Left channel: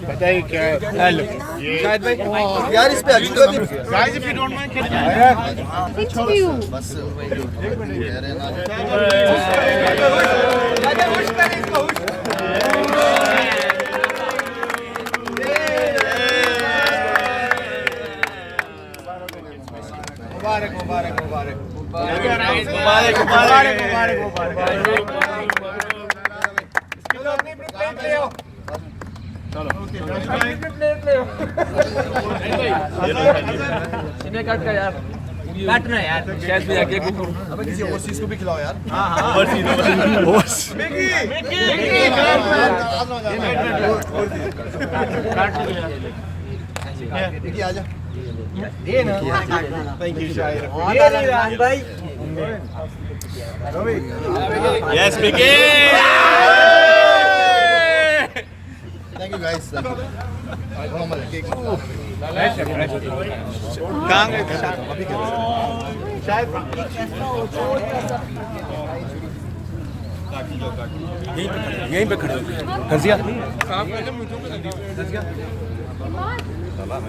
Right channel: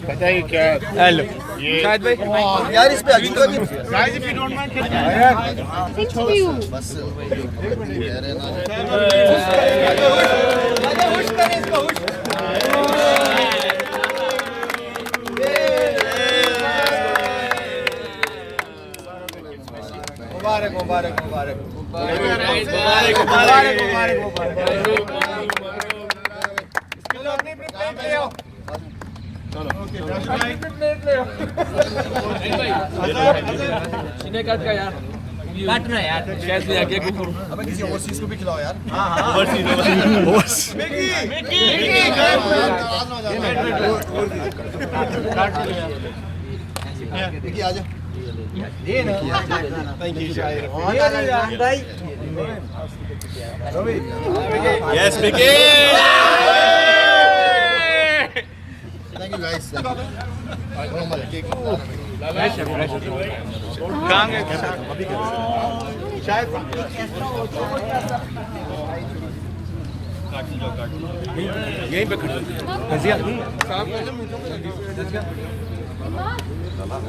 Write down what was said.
बताइए क्या हेलो यार इस पे अजूबा भी guys if you don't mind बस कह रहे ना मुबारक मुबारक मुबारक मुबारक मुबारक काटना यार कैसे आगे अबे किसी और चीज को भी खिलाओ यार देखिए आजा ये ना थैंक यू ये राम भाई yes Vicky thank you guys thank you अभी कर शायद यहीं पे खड़े कर दिया